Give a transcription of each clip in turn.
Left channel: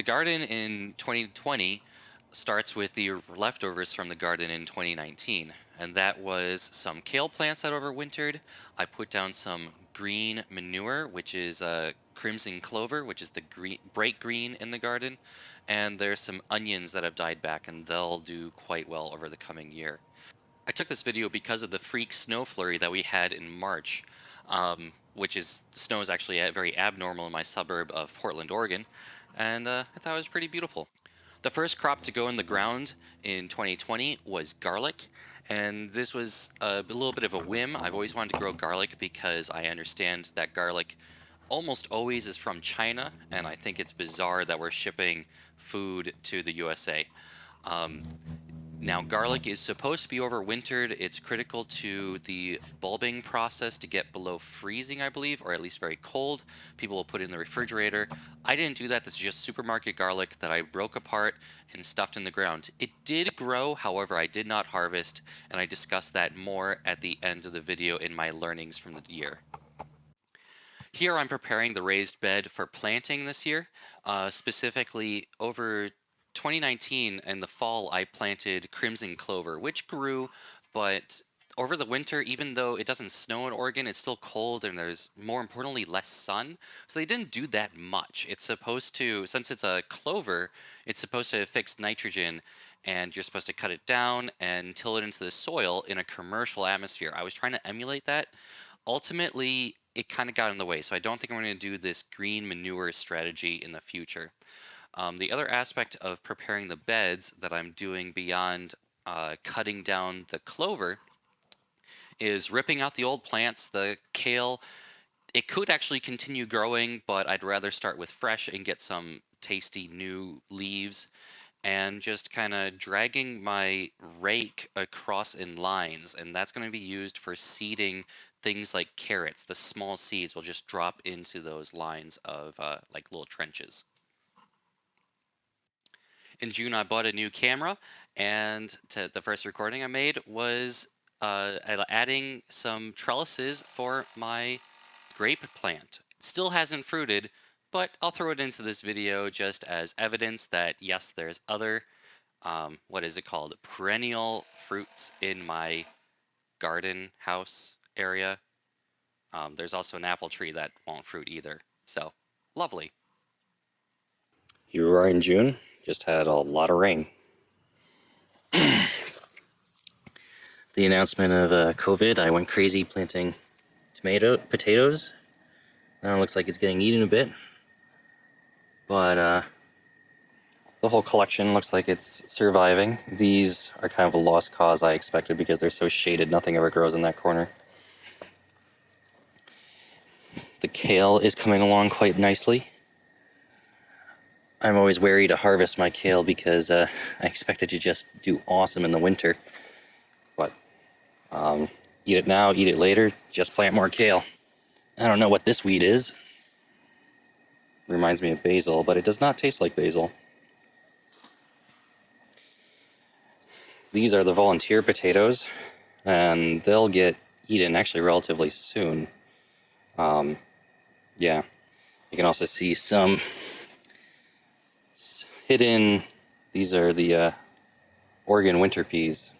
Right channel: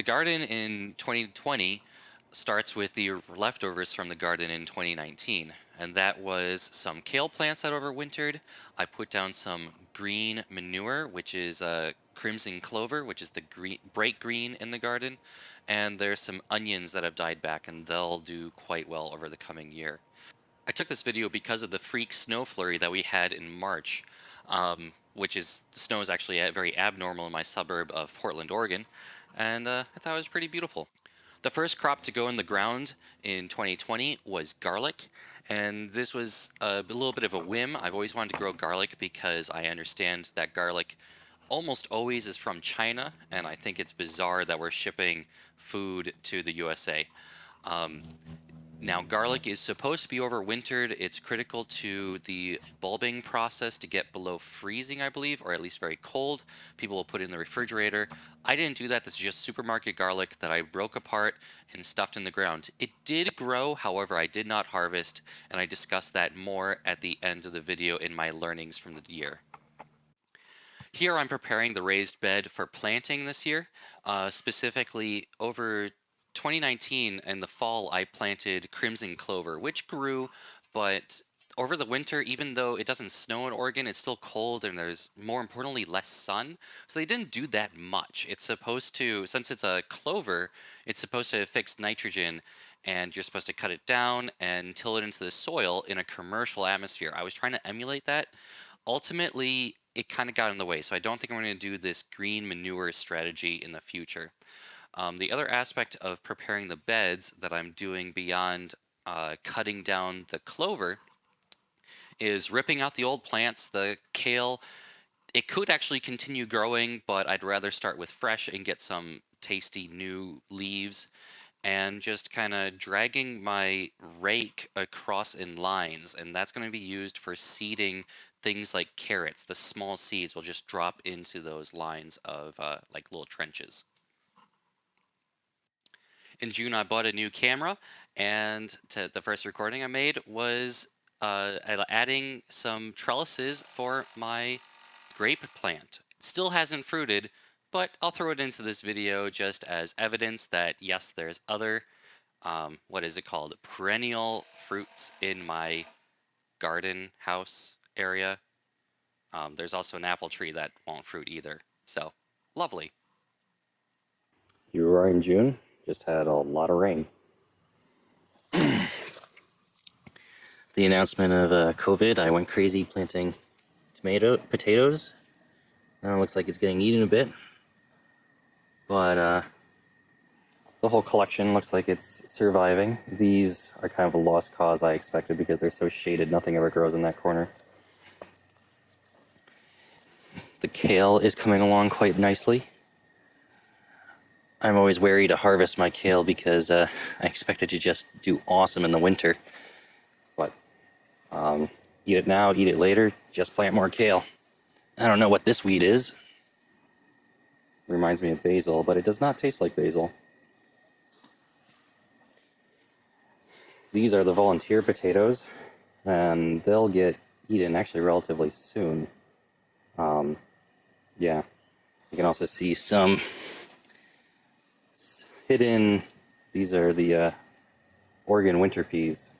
The garden in 2020 starts with the leftovers from the garden in 2019, and that was some kale plants that overwintered. I put down some green manure, which is crimson clover, which is the green, bright green in the garden, and there's some onions that have died back, and they'll do quite well over the coming year. I took this video because of the freak snow flurry that we had in March, which is snow is actually very abnormal in my suburb of Portland, Oregon, and I thought it was pretty beautiful. The first crop to go in the ground in 2020 was garlic, and this was a little bit of a whim. I've always wanted to grow garlic because I understand that garlic almost always is from China, and I think it's bizarre that we're shipping food to the USA. Um, Now, garlic is supposed to be overwintered. It's critical to the bulbing process to get below freezing, I believe, or at least very cold. People will put it in the refrigerator. I didn't do that. This is just supermarket garlic that I broke apart and stuffed in the ground. It did grow, however, I did not harvest, and I discussed that more at the end of the video in my learnings from the year. Here I'm preparing the raised bed for planting this year. Specifically, over 2019 in the fall, I planted crimson clover, which grew, but over the winter, even though it doesn't snow in Oregon, it's still cold and there's, more importantly, less sun. So they didn't do that much. It's supposed to, since it's a clover, it's supposed to fix nitrogen, and you're supposed to cut it down and till it into the soil in a commercial atmosphere. I was trying to emulate that. Ultimately, it kind of got in the way, so I don't think I'm going to do this green manure strategy in the future. The other aspect of preparing the beds that I'm doing beyond cutting down the clover is ripping out the old plants. The kale, it could actually continue growing, but I'd rather start with fresh and get some tasty new leaves, and just kind of dragging my rake across in lines, and that's going to be used for seeding things like carrots. The small seeds will just drop into those lines of like little trenches. In June, I bought a new camera, and the first recording I made was adding some trellises for my grape plant. It still hasn't fruited, but I'll throw it into this video just as evidence that yes, there's other, what is it called, perennial fruits in my garden house area. There's also an apple tree that won't fruit either, so lovely. Here we are in June, just had a lot of rain. The announcement of COVID, I went crazy planting potatoes. Now it looks like it's getting eaten a bit, but the whole collection looks like it's surviving. These are kind of a lost cause, I expected, because they're so shaded, nothing ever grows in that corner. The kale is coming along quite nicely. I'm always wary to harvest my kale because I expect it to just do awesome in the winter. But eat it now, eat it later, just plant more kale. I don't know what this weed is. Reminds me of basil, but it does not taste like basil. These are the volunteer potatoes, and they'll get eaten actually relatively soon. Yeah, you can also see some hidden. These are the Oregon winter peas.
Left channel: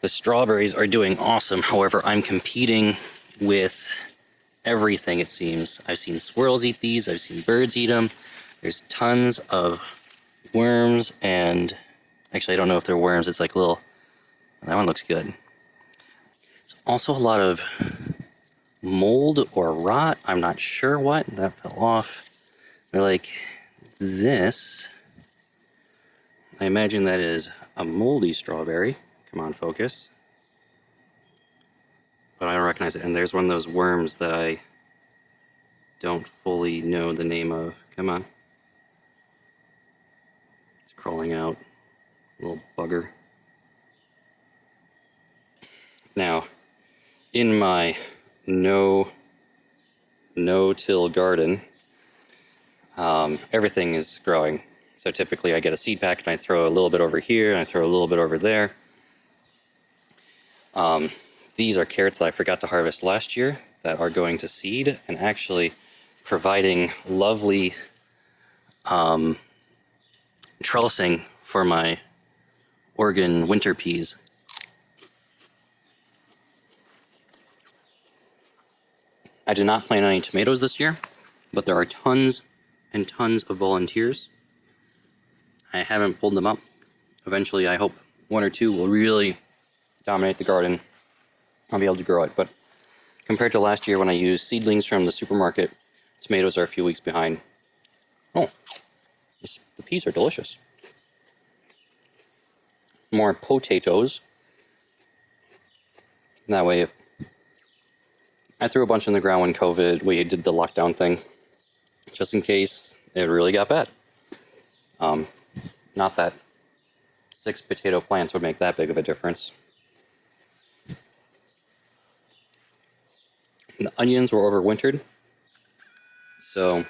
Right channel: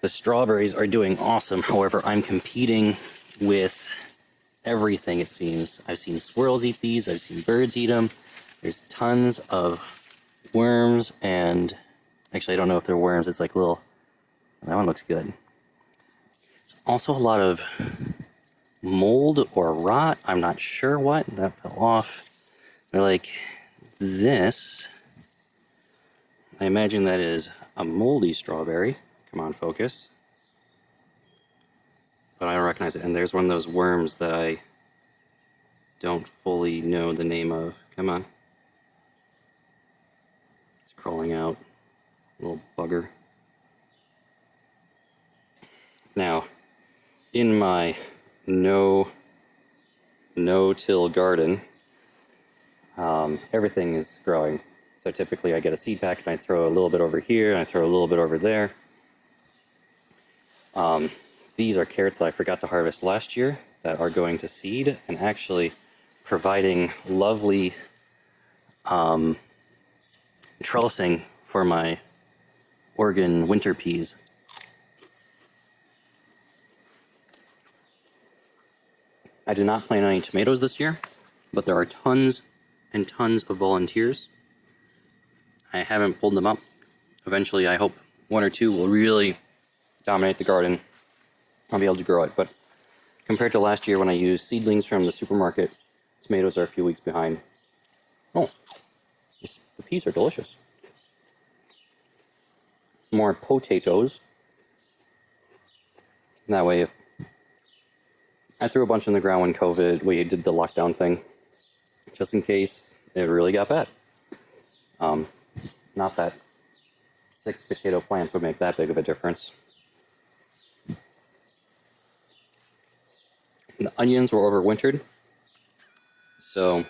The strawberries are doing awesome. However, I'm competing with everything, it seems. I've seen squirrels eat these. I've seen birds eat them. There's tons of worms, and actually, I don't know if they're worms. It's like little. That one looks good. There's also a lot of mold or rot. I'm not sure what. That fell off. Like this. I imagine that is a moldy strawberry. Come on, focus. I don't recognize it. And there's one of those worms that I don't fully know the name of. Come on. It's crawling out. Oh, bugger. Now, in my no-till garden, everything is growing. So typically I get a seed pack and I throw a little bit over here, and I throw a little bit over there. These are carrots that I forgot to harvest last year that are going to seed, and actually providing lovely trellising for my Oregon winter peas. I did not plant any tomatoes this year, but there are tons and tons of volunteers. I haven't pulled them up. Eventually, I hope one or two will really dominate the garden. I'll be able to grow it, but compared to last year when I used seedlings from the supermarket, tomatoes are a few weeks behind. Oh, the peas are delicious. More potatoes. That way, I threw a bunch in the ground when we did the lockdown thing, just in case it really got bad. Not that 6 potato plants would make that big of a difference. The onions were overwintered, so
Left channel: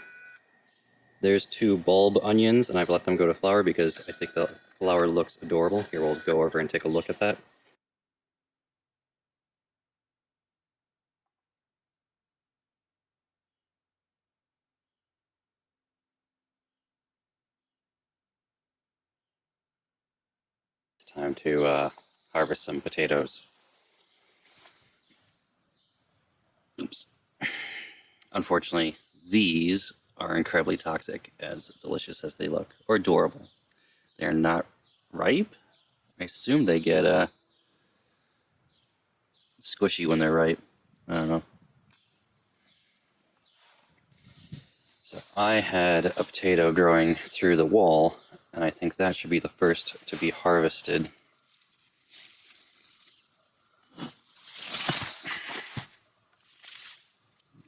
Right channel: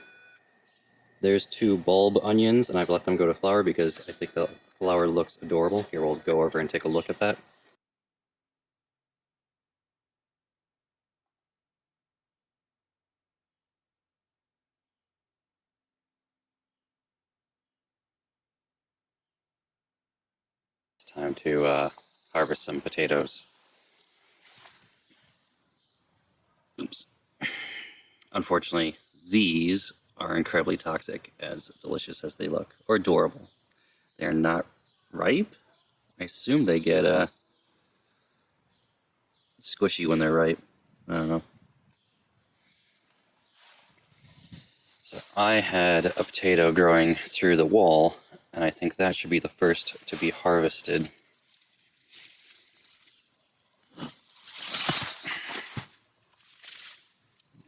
there's 2 bulb onions, and I've let them go to flower because I think the flower looks adorable. Here, we'll go over and take a look at that. It's time to harvest some potatoes. Oops. Unfortunately, these are incredibly toxic, as delicious as they look, or adorable. They're not ripe. I assume they get squishy when they're ripe. I don't know. So I had a potato growing through the wall, and I think that should be the first to be harvested.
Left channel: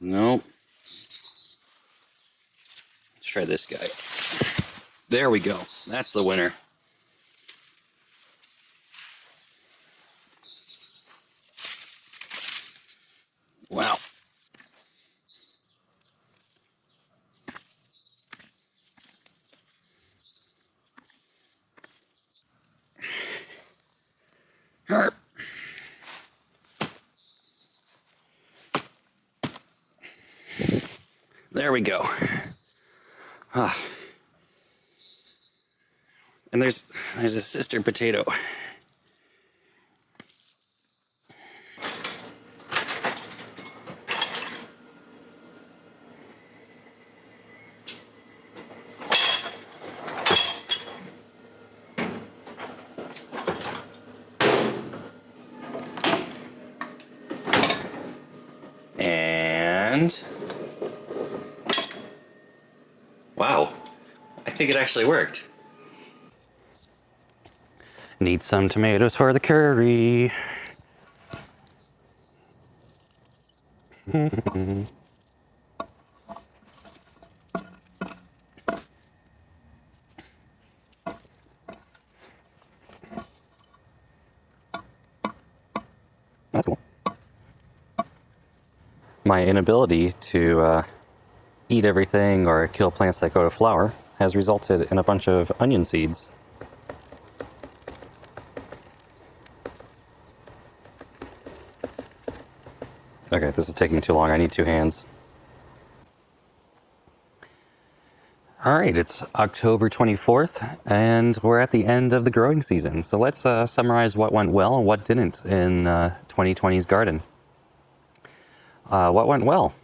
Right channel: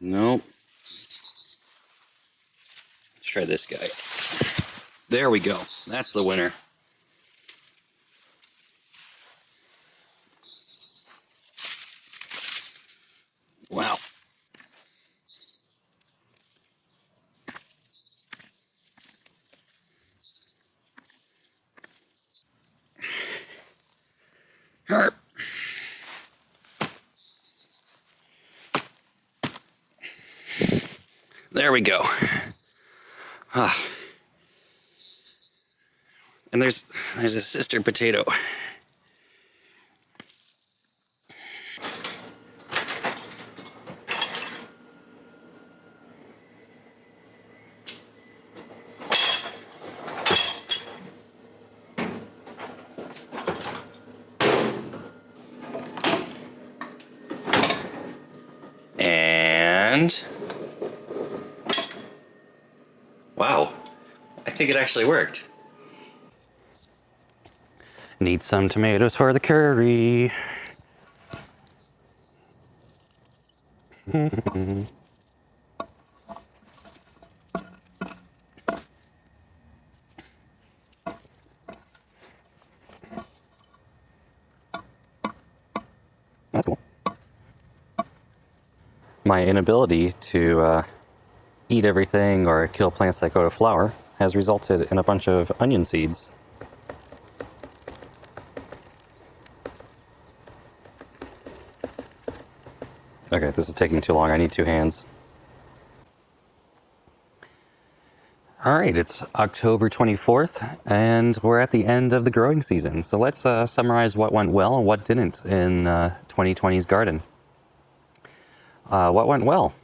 Nope. Let's try this guy. There we go. That's the winner. Wow. Herp. There we go. And there's a sister potato. And wow, I think it actually worked. Need some tomatoes for the curry. That's cool. My inability to eat everything or kill plants that go to flower has resulted in a bunch of onion seeds. Okay, this is taking too long. I need 2 hands. All right, it's October 24th, and we're at the end of the growing season. So let's summarize what went well and what didn't in 2020's garden. What went well?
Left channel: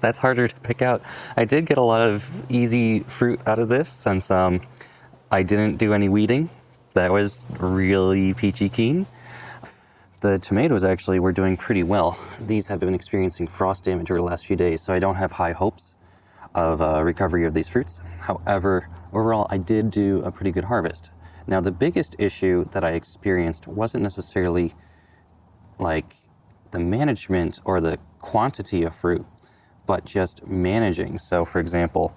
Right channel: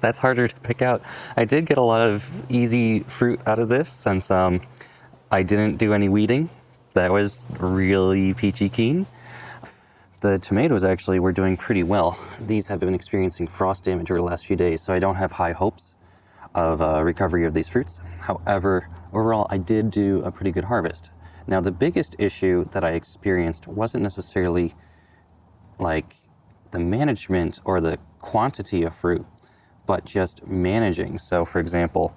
That's harder to pick out. I did get a lot of easy fruit out of this since I didn't do any weeding. That was really peachy keen. The tomatoes actually were doing pretty well. These have been experiencing frost damage over the last few days, so I don't have high hopes of recovery of these fruits. However, overall, I did do a pretty good harvest. Now, the biggest issue that I experienced wasn't necessarily like the management or the quantity of fruit, but just managing. So, for example,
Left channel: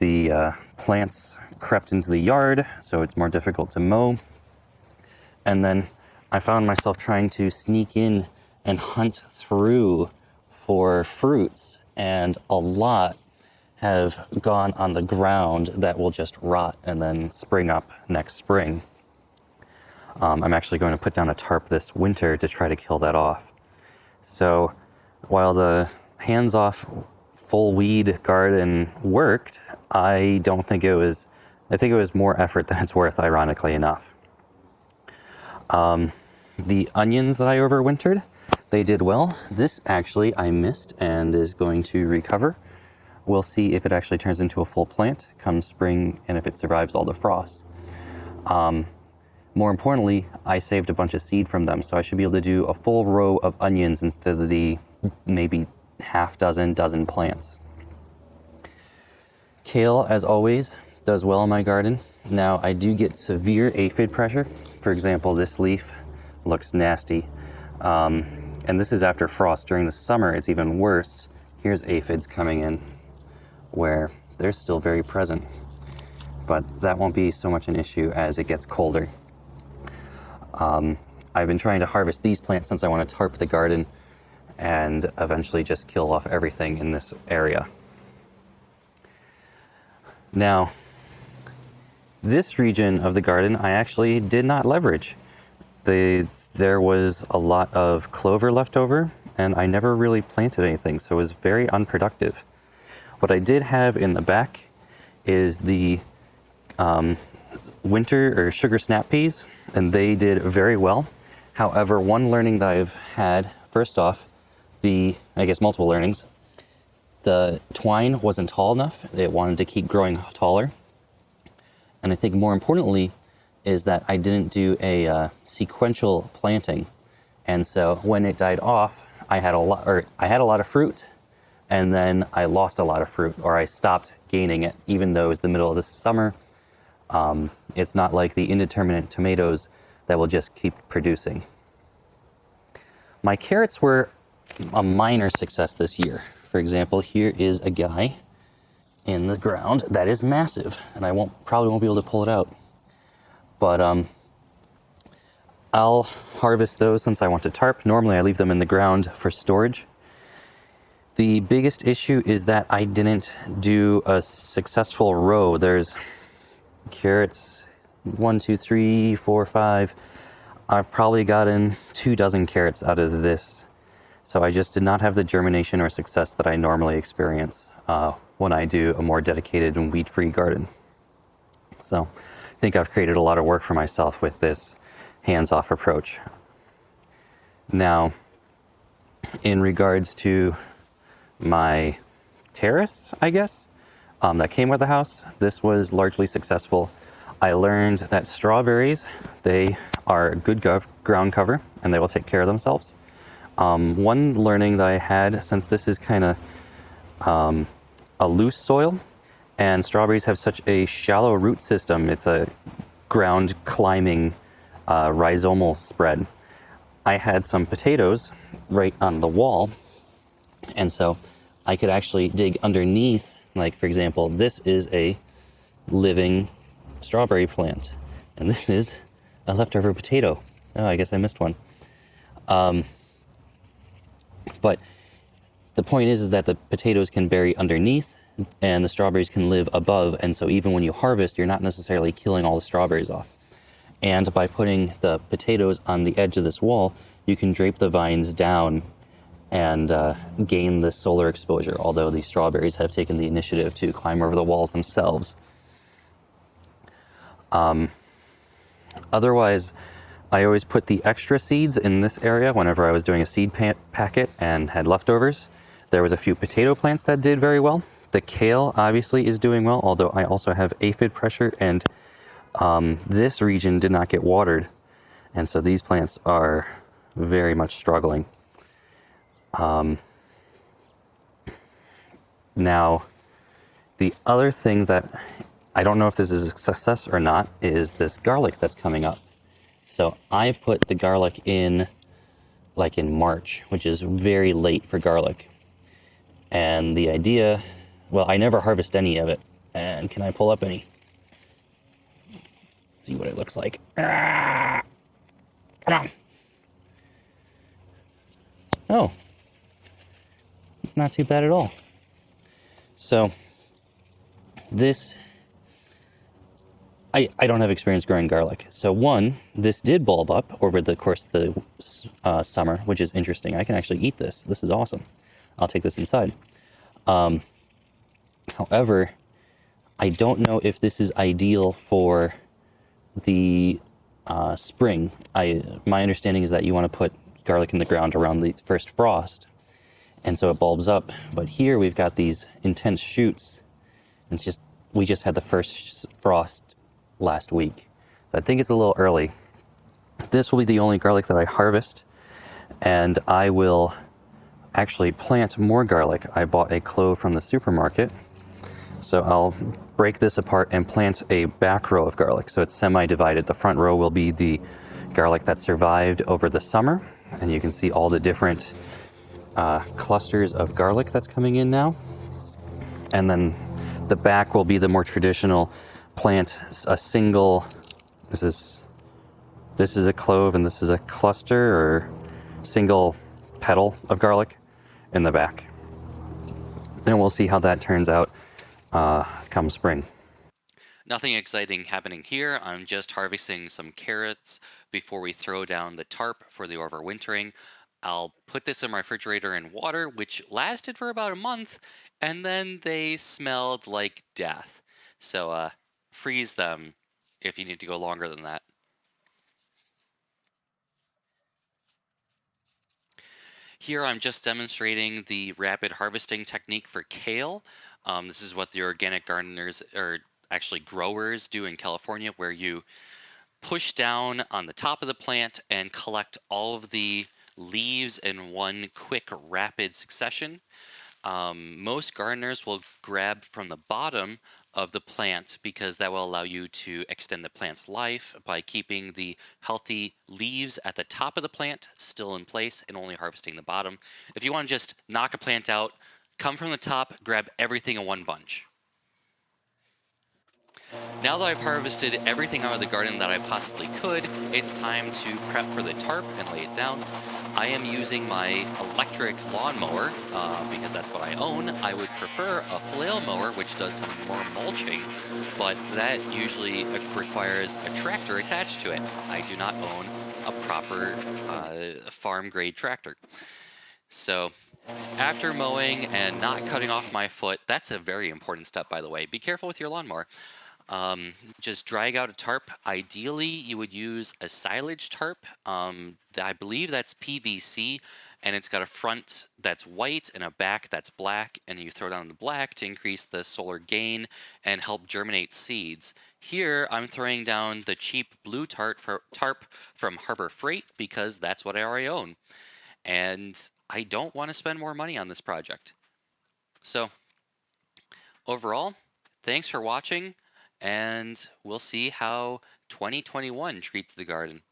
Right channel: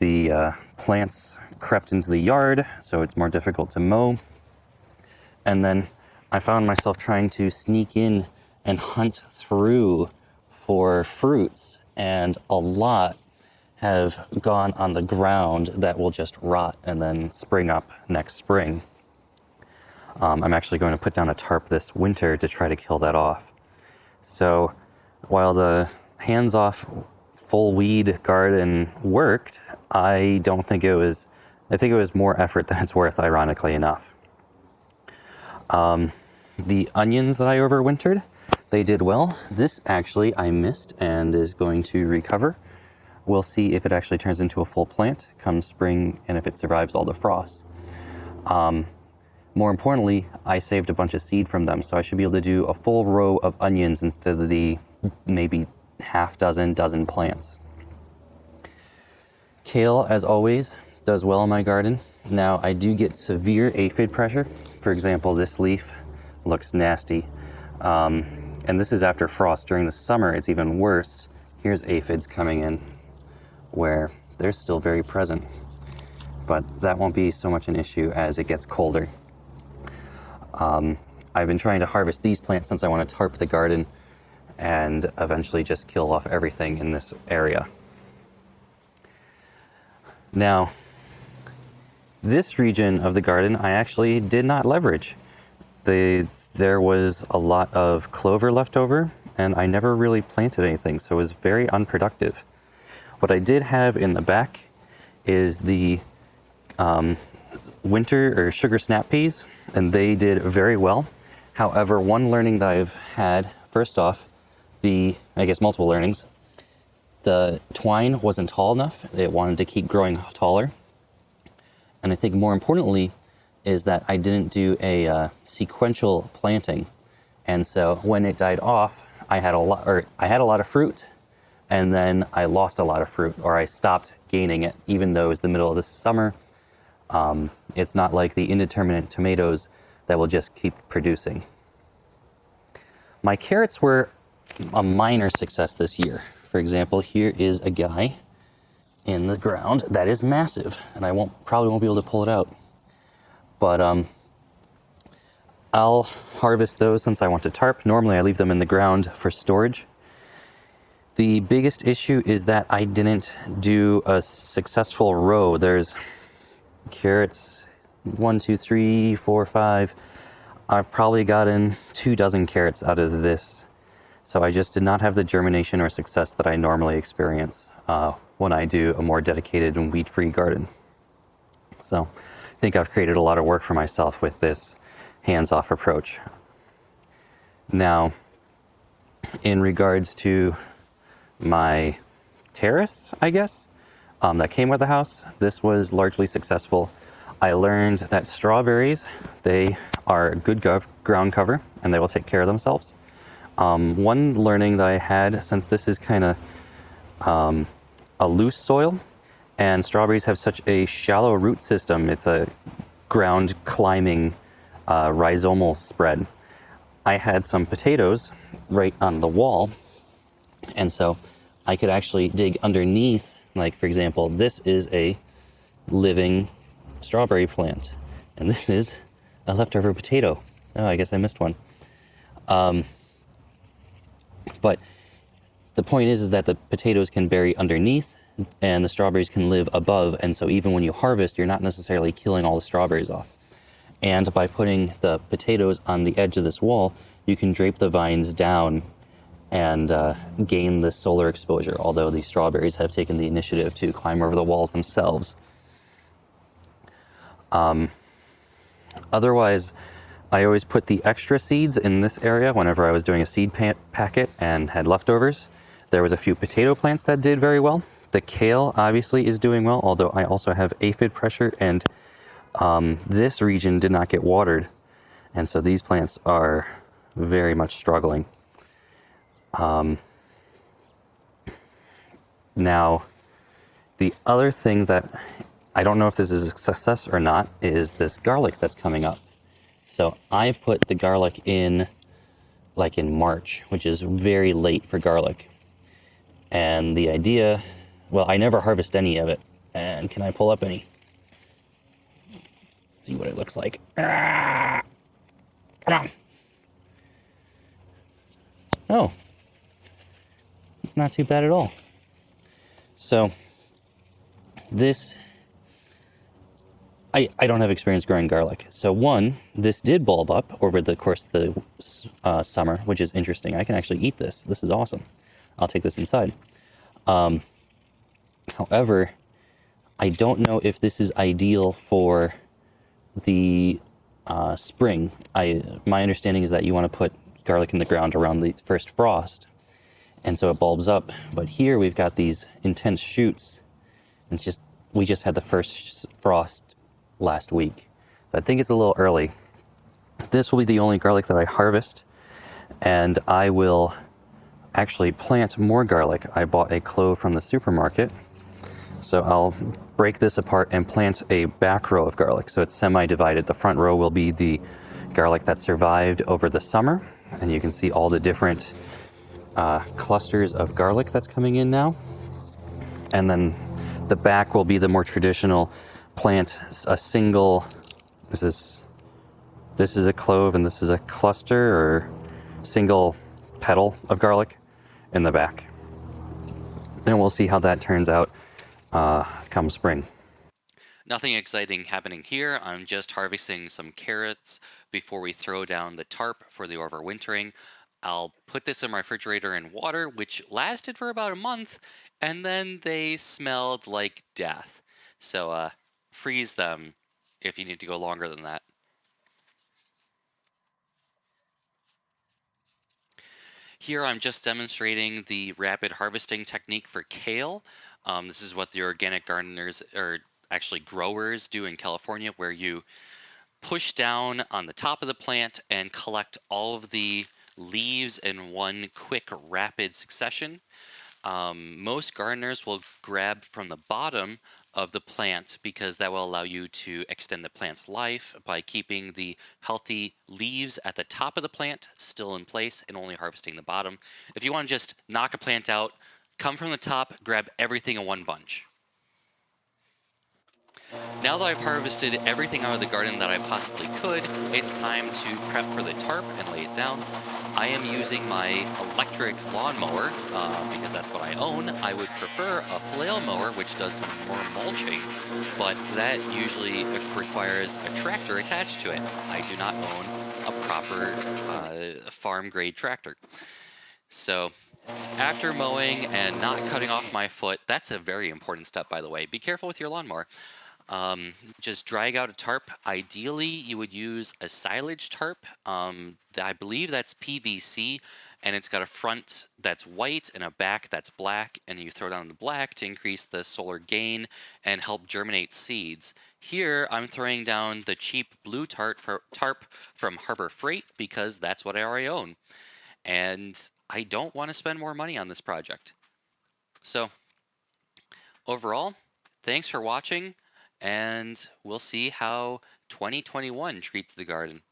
the plants crept into the yard, so it's more difficult to mow. And then I found myself trying to sneak in and hunt through for fruits, and a lot have gone on the ground that will just rot and then spring up next spring. I'm actually going to put down a tarp this winter to try to kill that off. So while the hands-off full weed garden worked, I think it was more effort than it's worth, ironically enough. The onions that I overwintered, they did well. This actually I missed and is going to recover. We'll see if it actually turns into a full plant come spring and if it survives all the frost. More importantly, I saved a bunch of seed from them, so I should be able to do a full row of onions instead of the maybe dozen plants. Kale, as always, does well in my garden. Now, I do get severe aphid pressure. For example, this leaf looks nasty. And this is after frost. During the summer, it's even worse. Here's aphids coming in where they're still very present. But that won't be so much an issue as it gets colder. I've been trying to harvest these plants since I want to tarp the garden and eventually just kill off everything in this area. Now, this region of the garden I actually did not leverage. There was a lot of clover left over, and I never really planted anything, so it was very unproductive. What I did have in the back is the winter or sugar snap peas, and they did very well. However, one learning that I've had, first off, multiple learnings. The twine wasn't tall enough. It wanted to keep growing taller. And I think more importantly is that I didn't do a sequential planting. And so when it died off, I had a lot of fruit, and then I lost a lot of fruit, or I stopped gaining it, even though it was the middle of the summer. It's not like the indeterminate tomatoes that will just keep producing. My carrots were a minor success this year. For example, here is a guy in the ground that is massive, and I probably won't be able to pull it out. But I'll harvest those since I want to tarp. Normally I leave them in the ground for storage. The biggest issue is that I didn't do a successful row. There's carrots, 1, 2, 3, 4, 5. I've probably gotten 24 carrots out of this. So I just did not have the germination or success that I normally experience when I do a more dedicated and weed-free garden. So I think I've created a lot of work for myself with this hands-off approach. Now, in regards to my terrace, I guess, that came with the house, this was largely successful. I learned that strawberries, they are good ground cover, and they will take care of themselves. One learning that I had, since this is kind of a loose soil, and strawberries have such a shallow root system, it's a ground climbing rhizomal spread. I had some potatoes right on the wall, and so I could actually dig underneath. Like, for example, this is a living strawberry plant, and this is a leftover potato. Oh, I guess I missed one. But the point is that the potatoes can bury underneath and the strawberries can live above, and so even when you harvest, you're not necessarily killing all the strawberries off. And by putting the potatoes on the edge of this wall, you can drape the vines down and gain the solar exposure, although the strawberries have taken the initiative to climb over the walls themselves. Otherwise, I always put the extra seeds in this area whenever I was doing a seed packet and had leftovers. There was a few potato plants that did very well. The kale obviously is doing well, although I also have aphid pressure, and this region did not get watered, and so these plants are very much struggling. Now, the other thing that I don't know if this is a success or not is this garlic that's coming up. So I put the garlic in like in March, which is very late for garlic. And the idea, well, I never harvest any of it. And can I pull up any? See what it looks like. Come on. Oh, it's not too bad at all. So this I don't have experience growing garlic. So one, this did bulb up over the course of the summer, which is interesting. I can actually eat this. This is awesome. I'll take this inside. However, I don't know if this is ideal for the spring. My understanding is that you want to put garlic in the ground around the first frost, and so it bulbs up. But here we've got these intense shoots, and we just had the first frost last week. So I think it's a little early. This will be the only garlic that I harvest, and I will actually plant more garlic. I bought a clove from the supermarket, so I'll break this apart and plant a back row of garlic. So it's semi-divided. The front row will be the garlic that survived over the summer, and you can see all the different clusters of garlic that's coming in now. And then the back will be the more traditional plant a single. This is this is a clove and this is a cluster or single petal of garlic in the back. And we'll see how that turns out come spring. Nothing exciting happening here. I'm just harvesting some carrots before we throw down the tarp for the overwintering. I'll put this in my refrigerator in water, which lasted for about a month, and then they smelled like death. So freeze them if you need to go longer than that. Here I'm just demonstrating the rapid harvesting technique for kale. This is what the organic gardeners, or actually growers, do in California, where you push down on the top of the plant and collect all of the leaves in one quick, rapid succession. Most gardeners will grab from the bottom of the plant because that will allow you to extend the plant's life by keeping the healthy leaves at the top of the plant still in place and only harvesting the bottom. If you want to just knock a plant out, come from the top, grab everything in one bunch. Now that I've harvested everything out of the garden that I possibly could, it's time to prep for the tarp and lay it down. I am using my electric lawnmower because that's what I own. I would prefer a flail mower, which does some more mulching, but that usually requires a tractor attached to it. I do not own a proper farm grade tractor. So after mowing and not cutting off my foot, that's a very important step, by the way. Be careful with your lawnmower. Just drag out a tarp. Ideally, you would use a silage tarp. I believe that's PVC, and it's got a front that's white and a back that's black, and you throw down the black to increase the solar gain and help germinate seeds. Here, I'm throwing down the cheap blue tarp from Harbor Freight because that's what I already own. And I don't want to spend more money on this project. So, overall, thanks for watching, and we'll see how 2021 treats the garden.